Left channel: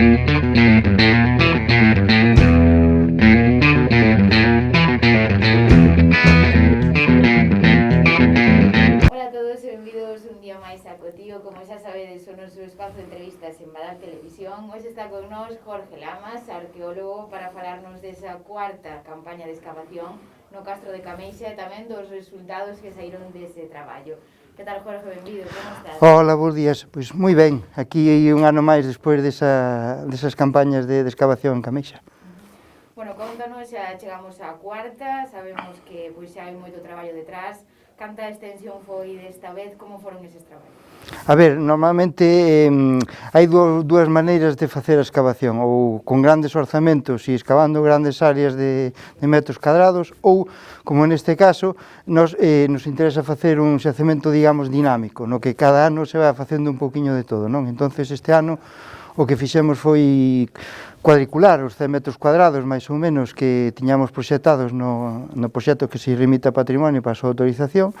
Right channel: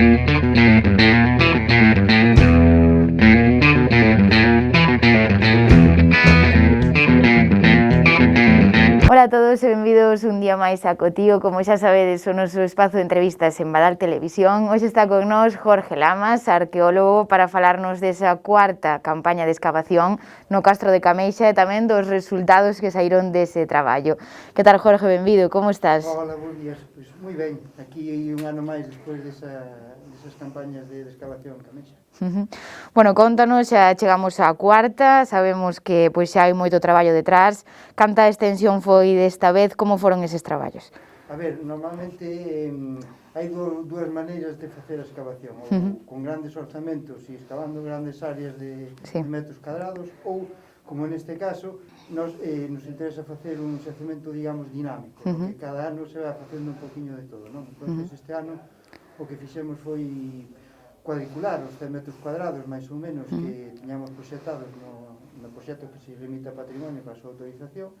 Ola a todos e benvidos un día máis a Cotío. Como xa sabedes, o noso espazo de entrevistas en Badal Televisión. Hoxe está con nós Jorge Lamas, arqueólogo, para falarnos desa cuarta campaña de excavación no Castro de Cameixa e tamén dos resultados que saíron dese traballo. Que tal, Jorge? Benvido, como estás? Hola, bons días. Pois moi ben, aquí un ano máis despois desas campañas de excavación en Cameixa. Bueno, contanos, xa chegamos á cuarta, sabemos que pois xa hai moito traballo detrás. Canta extensión foi desta vez, como foron eses traballos? A ver, normalmente hai dúas maneiras de facer a excavación, ou con grandes orzamentos e excavando grandes áreas de metros cadrados, ou, como neste caso, nos interesa facer un xacemento, digamos, dinámico, no que cada ano se vai facendo un poquinho de todo, non? Entonces, este ano, o que fixemos foi cuadricular os 100 metros cuadrados, máis ou menos, que tiñamos proxectados no proxecto que se remite a patrimonio para a súa autorización,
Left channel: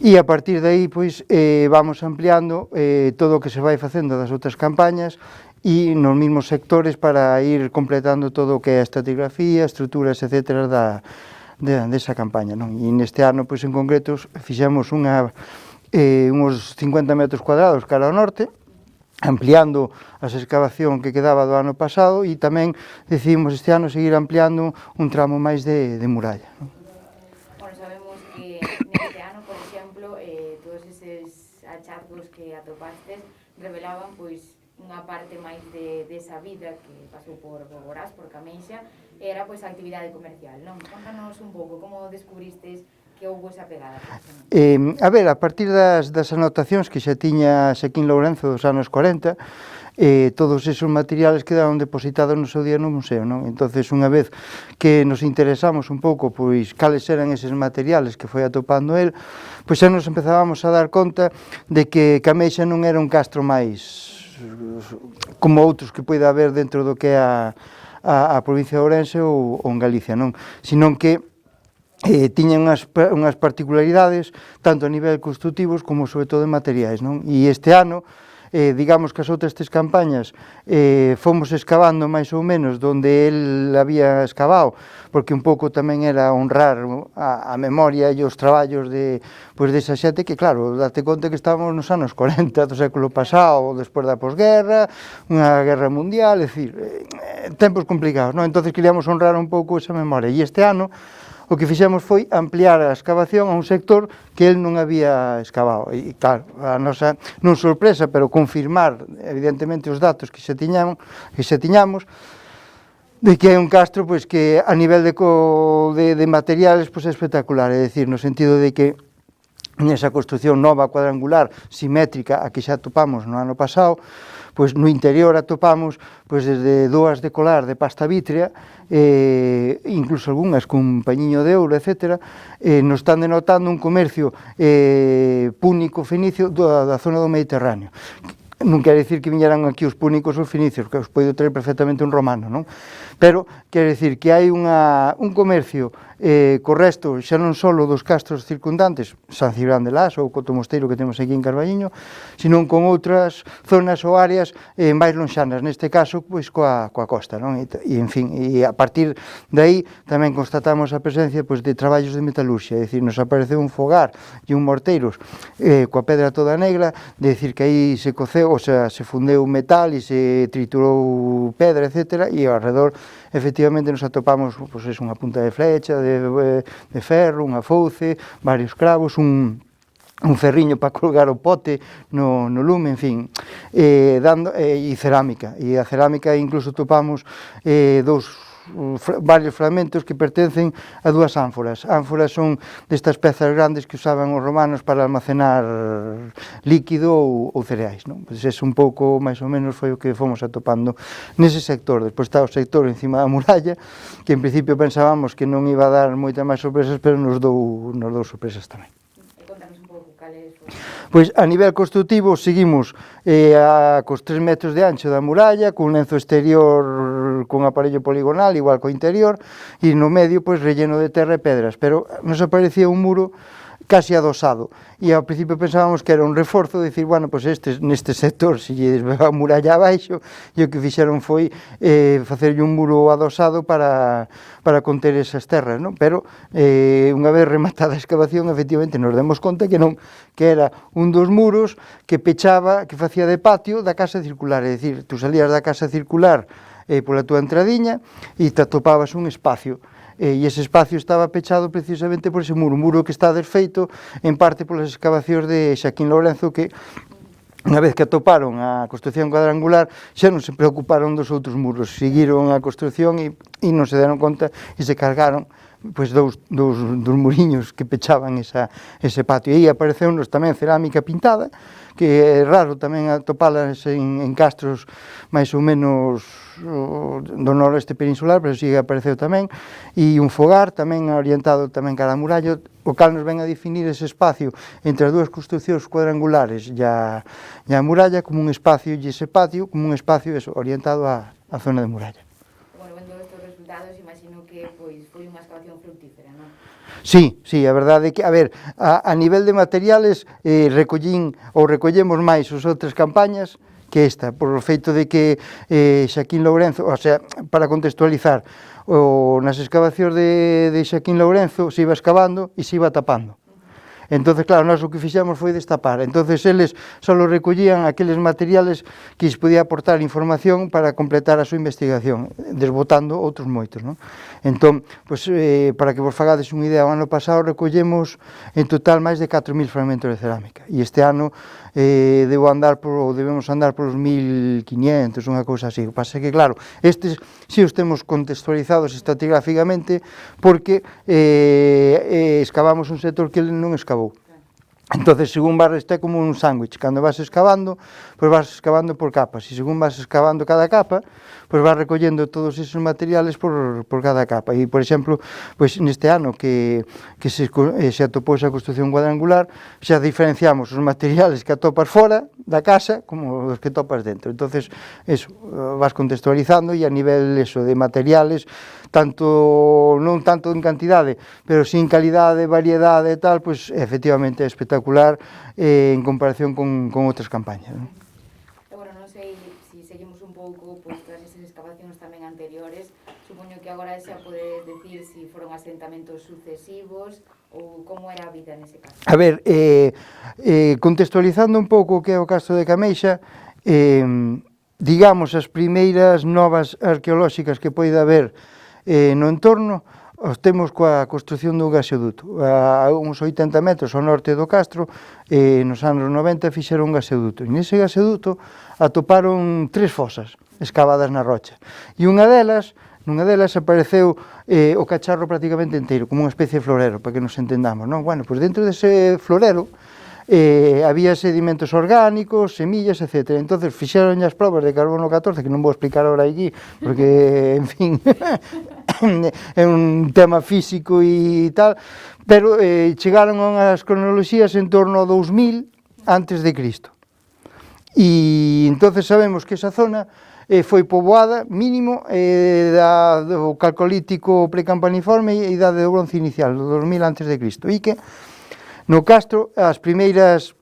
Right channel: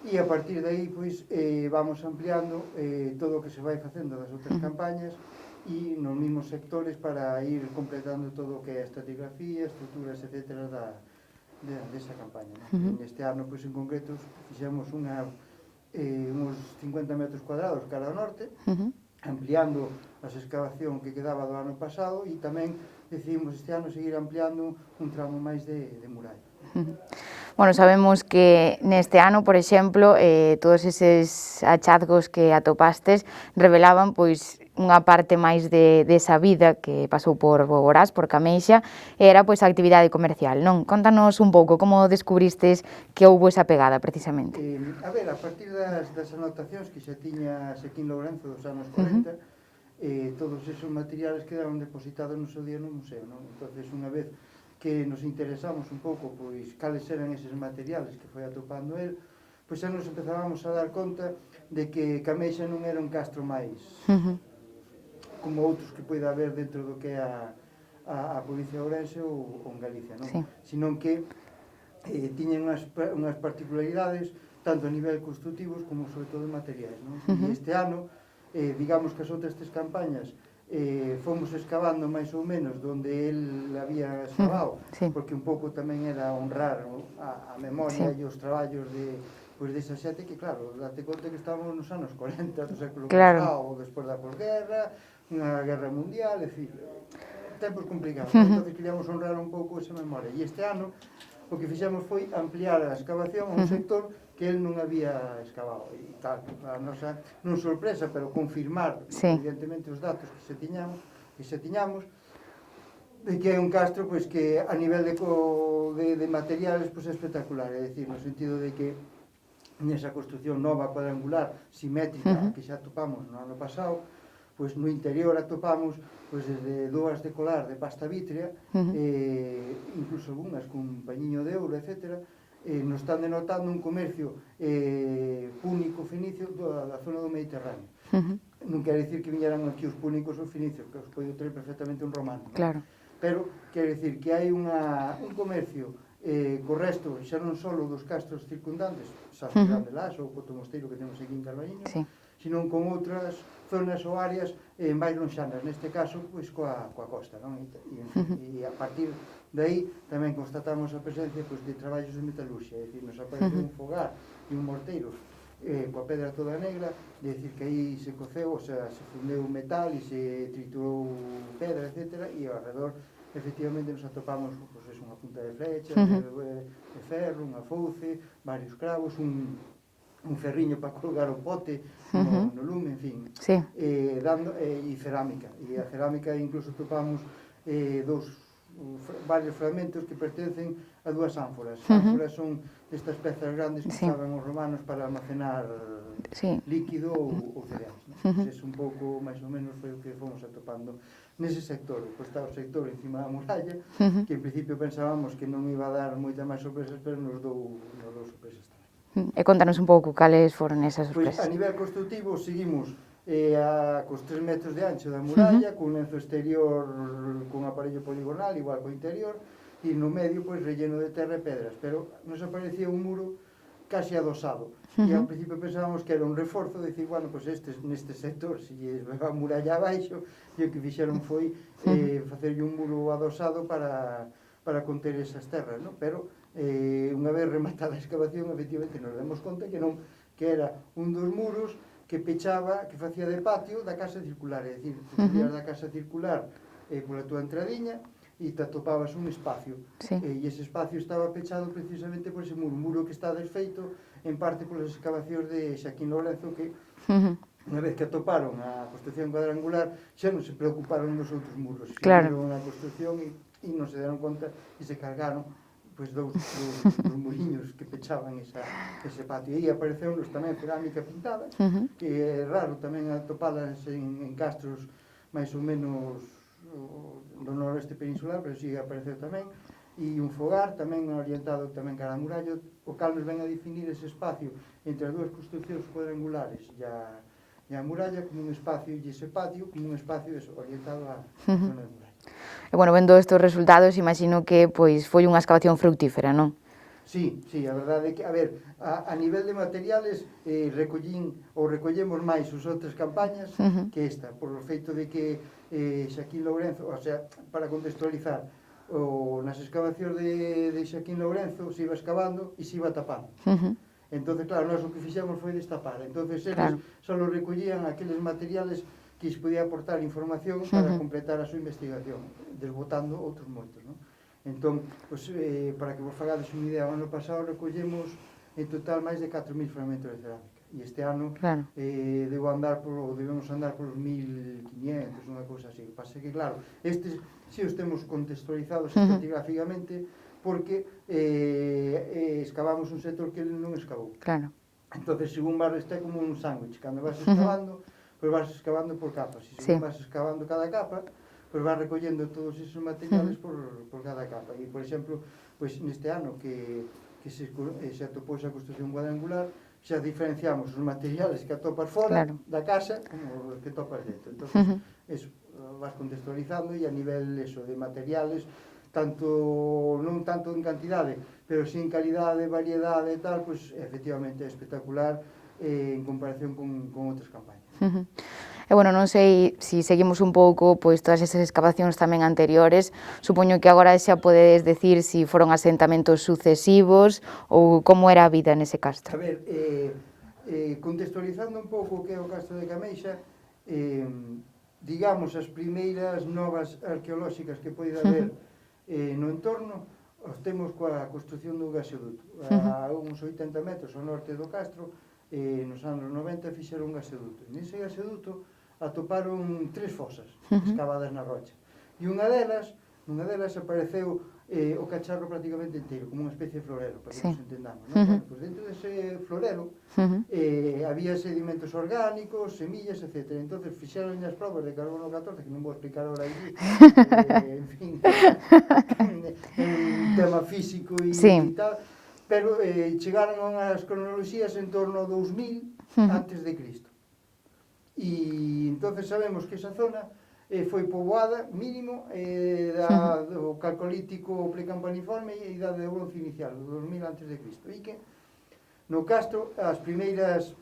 e a partir de aí, pois, vamos ampliando todo o que se vai facendo das outras campañas e nos mesmos sectores para ir completando todo o que é a estratigrafía, estruturas, etcétera, desa campaña, non? E neste ano, pois, en concreto, fixemos uns 50 metros cuadrados cara ao norte, ampliando a excavación que quedaba do ano pasado, e tamén decidimos este ano seguir ampliando un tramo máis de muralla. Bueno, sabemos que neste ano, por exemplo, todos eses hachazgos que atopastes revelaban pois unha parte máis desa vida que pasou por Boborás, por Cameixa, era pois a actividade comercial, non? Contanos un pouco como descubristes que houbo esa pegada, precisamente. A ver, a partir das anotacións que xa tiña Xaquín Lourenzo dos anos 40, todos esos materiales quedaron depositados no seu día no museo, non? Entonces, unha vez que nos interesamos un pouco pois cales eran eses materiales que foi atopando el, pois xa nos empezábamos a dar conta de que Cameixa non era un castro máis como outros que poida haber dentro do que é a provincia de Ourense ou en Galicia, non? Senón que tiñan unhas particularidades tanto a nivel construtivos como sobre todo en materiais, non? E este ano, digamos que as outras tres campañas fomos excavando máis ou menos donde el había excavado, porque un pouco tamén era honrar a memoria e os traballos desa xente que, claro, date conta que estamos nos anos 40 do século pasado, despois da posguerra, unha guerra mundial, é dicir, tempos complicados, non? Entonces queríamos honrar un pouco esa memoria, e este ano o que fixemos foi ampliar a excavación a un sector que el non había excavado. E, claro, a nosa, non sorpresa, pero confirmar, evidentemente, os datos que xa tiñamos, de que é un castro pois, que a nivel de materiales pois, é espectacular, é dicir, no sentido de que nesa construcción nova cuadrangular, simétrica, a que xa topamos no ano pasado, pois no interior atopamos pois desde dúas de colar de pasta vítrea, incluso algunhas con pañiño de ouro, etcétera, nos están denotando un comercio púnico fenicio da zona do Mediterráneo. Non quere dicir que viñeran aquí os púnicos ou fenicios, que os pode traer perfectamente un romano, non? Pero quere dicir que hai un comercio co resto, xa non só dos castros circundantes, San Cibrán de Las ou Coto Mosteiro que temos aquí en Carballiño, senón con outras zonas ou áreas máis lonxanas, neste caso, pois coa costa, non? E, en fin, e a partir de aí tamén constatamos a presencia pois, de traballos de metalurxia, é dicir, nos apareceu un fogar e un morteiros coa pedra toda negra, de dicir que aí se coceu, o sea, se fundeu metal e se triturou pedra, etcétera, e ao redor efectivamente nos atopamos pois, unha punta de flecha, de ferro, unha fouce, varios cravos, un ferriño para colgar o pote no lume, en fin, e cerámica. E a cerámica incluso topamos varios fragmentos que pertencen a dúas ánforas. Ánforas son destas pezas grandes que usaban os romanos para almacenar líquido ou cereais, non? Ese un pouco, máis ou menos, foi o que fomos atopando nese sector. Despois está o sector encima da muralla, que en principio pensábamos que non iba a dar moitas máis sorpresas, pero nos dou sorpresas tamén. E contanos un pouco cales foron esas. Pois a nivel construtivo seguimos cos 3 metros de ancho da muralla, cun lenzo exterior con aparello poligonal, igual co interior, e no medio pois relleno de terra e pedras, pero nos aparecía un muro casi adosado. E ao principio pensábamos que era un reforzo, de dicir, bueno, pois neste sector, se lle a muralla abaixo, e o que fixeron foi facerlle un muro adosado para conter esas terras, non? Pero unha vez rematada a excavación, efectivamente, nos demos conta que non, que era un dos muros que pechaba, que facía de patio da casa circular, é dicir, tú salías da casa circular pola túa entradiña e te atopabas un espacio, e ese espacio estaba pechado precisamente por ese muro, un muro que está desfeito en parte polas excavacións de Xaquín Lourenzo, que unha vez que atoparon a construción cuadrangular xa non se preocuparon dos outros muros, seguiron a construción e non se deron conta e se cargaron pois dous muriños que pechaban ese patio. E aí apareceu-nos tamén cerámica pintada, que é raro tamén atopalas en castros máis ou menos do noroeste peninsular, pero sí apareceu tamén, e un fogar tamén orientado tamén cara a muralla, o cal nos ven a definir ese espacio entre as dúas construcións cuadrangulares e a muralla como un espacio, e ese patio como un espacio orientado á zona de muralla. E, bueno, vendo estes resultados, imagino que pois foi unha excavación fructífera, non? Sí, a verdade é que, a ver, a nivel de materiales recollemos máis as outras campañas que esta, por o feito de que Xaquín Lourenzo, o sea, para contextualizar, nas excavacións de Xaquín Lourenzo se iba excavando e se iba tapando. Entonces, claro, nós o que fixemos foi destapar. Entonces, eles só recollían aqueles materiales que lles podía aportar información para completar a súa investigación, desbotando outros moitos, non? Entón, pois, para que vos fagades unha idea, o ano pasado recollemos en total máis de 4.000 fragmentos de cerámica. E este ano debemos andar polos 1.500, unha cousa así. O que pasa é que, claro, estes si os temos contextualizados estratigráficamente porque excavamos un sector que ele non excavou. Claro. Entonces, según vas, está como un sándwich. Cando vas excavando, pois vas excavando por capas. E según vas excavando cada capa, pois vas recollendo todos esos materiales por cada capa. E, por exemplo, pois neste ano que se atopou esa construción cuadrangular, xa diferenciamos os materiales que atopas fora da casa como os que topas dentro. Entonces, eso, vas contextualizando e a nivel de materiales, non tanto en cantidade, pero sin calidade, variedade e tal, pois efectivamente é espectacular en comparación con outras campañas. E, bueno, non sei se seguimos un pouco pois todas esas excavacións tamén anteriores, supoño que agora xa podedes decir se foron asentamentos sucesivos ou como era a vida nese castro. A ver, contextualizando un pouco o que é o castro de Cameixa, digamos, as primeiras novas arqueolóxicas que poida haber no entorno, os temos coa construción dun gasoduto. A uns 80 metros ao norte do castro, nos anos 90 fixeron un gasoduto. E nese gasoduto atoparon 3 fosas escavadas na rocha. E nunha delas apareceu o cacharro prácticamente inteiro, como unha especie de florero, para que nos entendamos, non? Bueno, pois dentro dese florero había sedimentos orgánicos, semillas, etc. Entonces fixeron as probas de carbono 14, que non vou explicar ahora aquí, porque, en fin, é un tema físico e tal, pero chegaron as cronoloxías en torno ao 2000 antes de Cristo. E entonces sabemos que esa zona foi poboada mínimo do calcolítico precampaniforme e idade do bronce inicial, do 2000 antes de Cristo. E que no castro as primeiras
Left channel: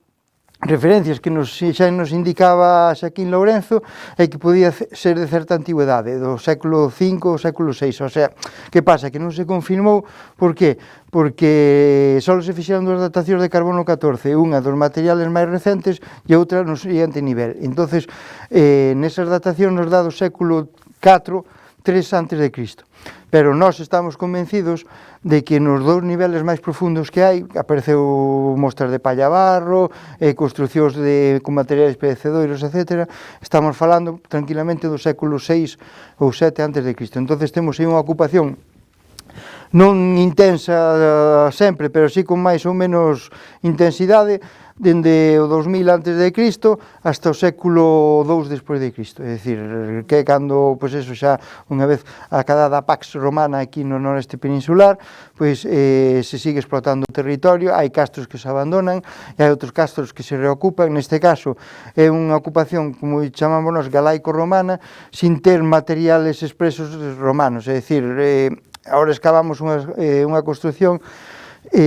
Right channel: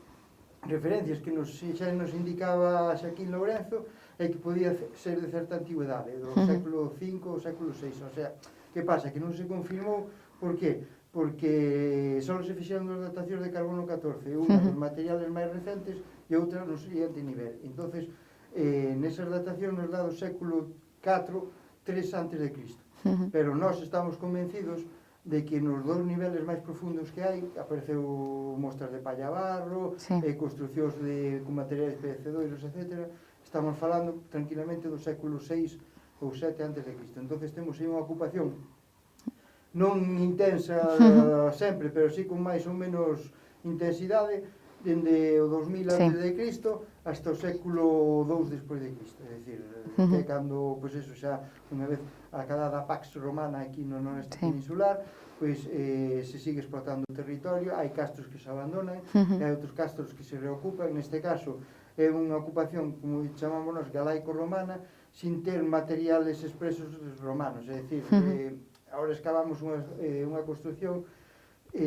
referencias que xa nos indicaba Xaquín Lourenzo é que podía ser de certa antigüedade, do século V ou século VI. O sea, que pasa? Que non se confirmou, por qué? Porque só se fixeron 2 datacións de carbono 14, unha dos materiales máis recentes e outra no seguinte nivel. Entonces, nesas datacións nos dá do século IV, 3 antes de Cristo. Pero nós estamos convencidos de que nos 2 niveles máis profundos que hai, apareceu mostras de palla barro, construcións con materiais perecedouros, etc. Estamos falando tranquilamente do século VI ou VII antes de Cristo. Entonces temos aí unha ocupación non intensa sempre, pero sí con máis ou menos intensidade, dende o 2000 antes de Cristo hasta o século II despois de Cristo. É dicir, que é cando, pois eso, xa unha vez acabada a Pax Romana aquí no noreste peninsular, pois se sigue explotando o territorio, hai castros que se abandonan, e hai outros castros que se reocupan. Neste caso é unha ocupación, como chamamos nós, galaico-romana, sin ter materiales expresos romanos. É dicir, agora excavamos unha construción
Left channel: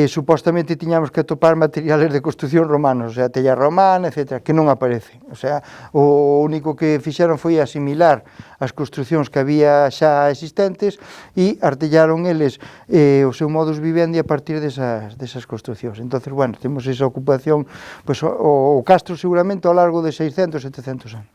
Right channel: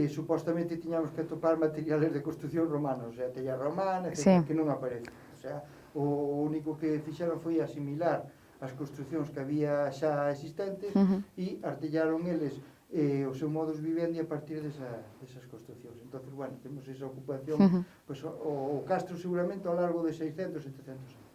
supostamente tiñamos que atopar materiales de construcción romanos, o sea, tella romana, etc., que non aparece. O sea, o único que fixeron foi asimilar as construccións que había xa existentes e artellaron eles o seu modus vivendi a partir desas construccións. Entonces, bueno, temos esa ocupación, pois o castro seguramente ao largo de 600, 700 anos.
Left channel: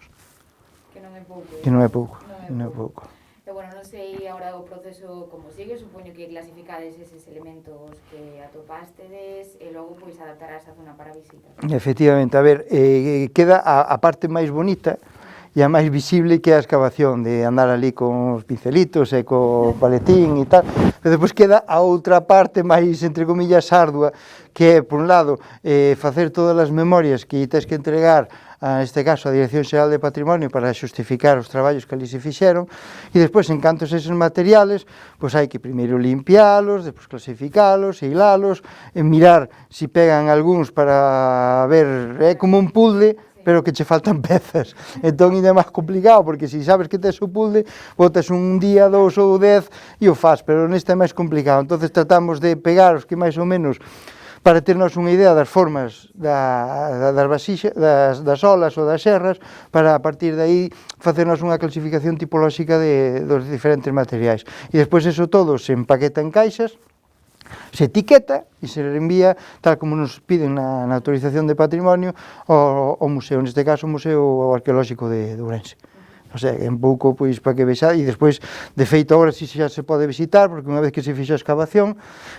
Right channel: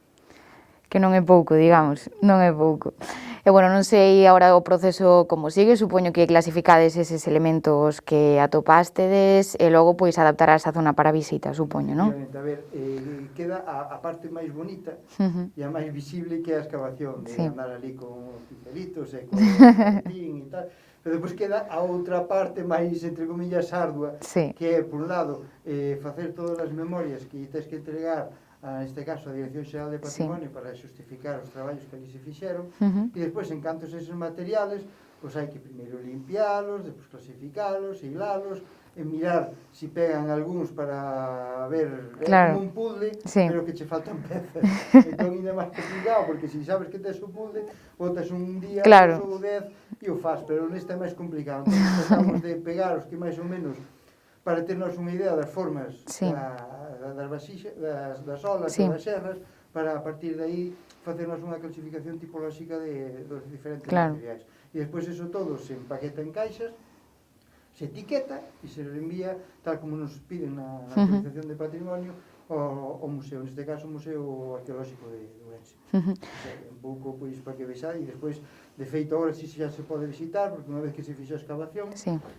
Que non é pouco, digamos. Non é pouco. E, bueno, non sei agora o proceso como sigue, supoño que clasificades eses elementos que atopástedes e logo pois adaptarás a zona para visita, supoño, Efectivamente, a ver, queda a parte máis bonita e a máis visible que é a excavación, de andar ali con os pincelitos e co paletín e tal, pero depois queda a outra parte máis, entre comillas, ardua, que é, por un lado, facer todas as memorias que tens que entregar neste caso a Dirección Xeral de Patrimonio para xustificar os traballos que ali se fixeron e despois, en canto a eses materiales, pois hai que primeiro limpialos, despois clasificalos, hilalos, mirar se pegan algúns para ver, é como un puzzle, pero que che faltan pezas. Entón, ainda é máis complicado, porque se sabes que tes o puzzle, botas un día, 2 ou 10 e o faz, pero neste é máis complicado. Entón, tratamos de pegar os que máis ou menos para ternos unha idea das formas das vasixas, das olas ou das serras, para a partir de aí facernos unha clasificación tipolóxica dos diferentes materiais. E despois eso todo se empaqueta en caixas, se etiqueta e se reenvía, tal como nos piden na autorización de patrimonio, ao museo, neste caso o Museo Arqueolóxico de Ourense. O sea, en pouco, pois, para que vexa, e despois, de feito, agora si xa se pode visitar, porque unha vez que se fixa a excavación,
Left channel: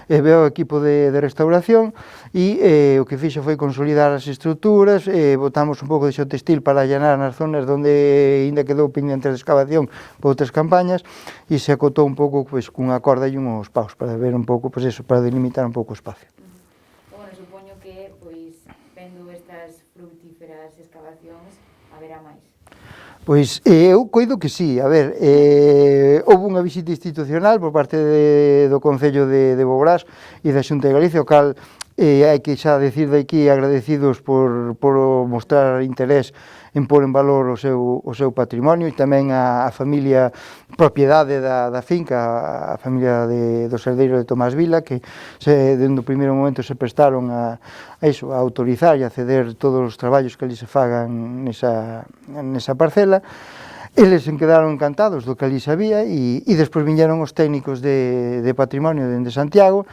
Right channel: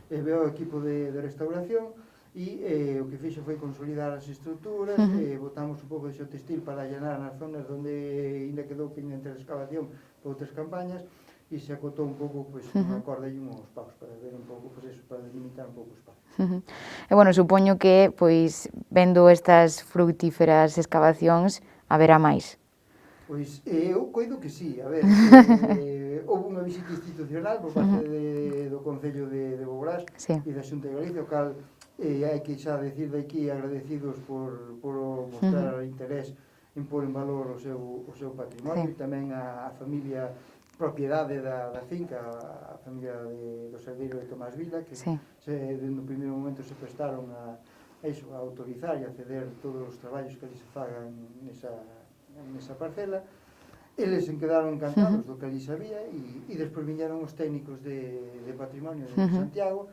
veo o equipo de restauración, e o que fixo foi consolidar as estruturas, botamos un pouco de xeotextil para allanar nas zonas onde ainda quedou pendente de excavación por outras campañas, e se acotou un pouco, pois, cunha corda e uns paus, para ver un pouco, pois, eso, para delimitar un pouco o espacio. E, bueno, supoño que, pois, vendo estas frutíferas excavacións, haberá máis. Pois eu coido que sí, a ver, houve unha visita institucional por parte do Concello de Boborás e da Xunta de Galicia, o cal hai que xa decir de aquí agradecidos por mostrar interés en pôr en valor o seu patrimonio e tamén a familia propiedade da finca, a familia dos herdeiros de Tomás Vila, que dende o primeiro momento se prestaron a autorizar e a ceder todos os traballos que ali se fagan nesa parcela. Eles se quedaron encantados do que ali sabía e despois viñeron os técnicos de patrimonio dende Santiago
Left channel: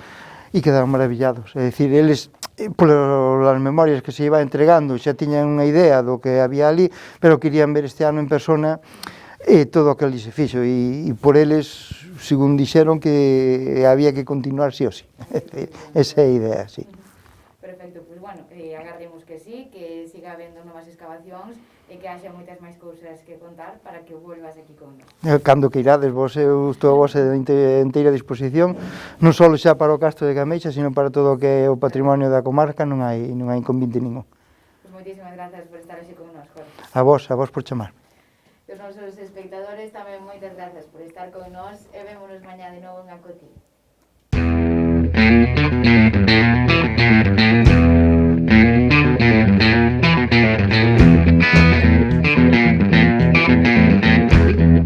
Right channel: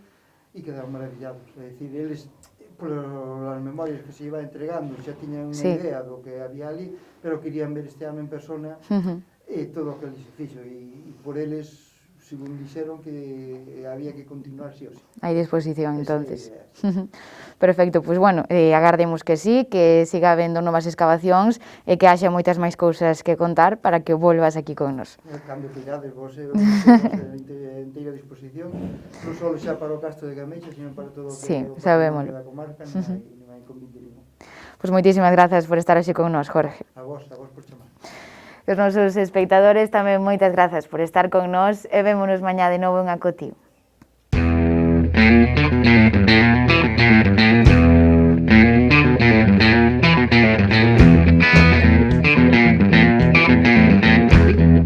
e quedaron maravillados. É dicir, eles, polas memorias que se iba entregando, xa tiñan unha idea do que había ali, pero querían ver este ano en persona todo o que ali se fixo, e por eles, según dixeron, que había que continuar sí ou sí. Hai disposición, esa é a idea, sí. Perfecto, pois, bueno, agardemos que sí, que siga habendo novas excavacións e que haxa moitas máis cousas que contar para que volvas aquí con nos. Cando que irades, vos, eu estou a vosa inteira disposición, non só xa para o Castro de Cameixa, sino para todo o que é o patrimonio da comarca, non hai inconveniente ningún. Pois moitísimas grazas por estar así con nos, Jorge. A vos por chamar. Os nosos espectadores tamén moitas grazas por estar con nos e vémonos mañá de novo en Acotío.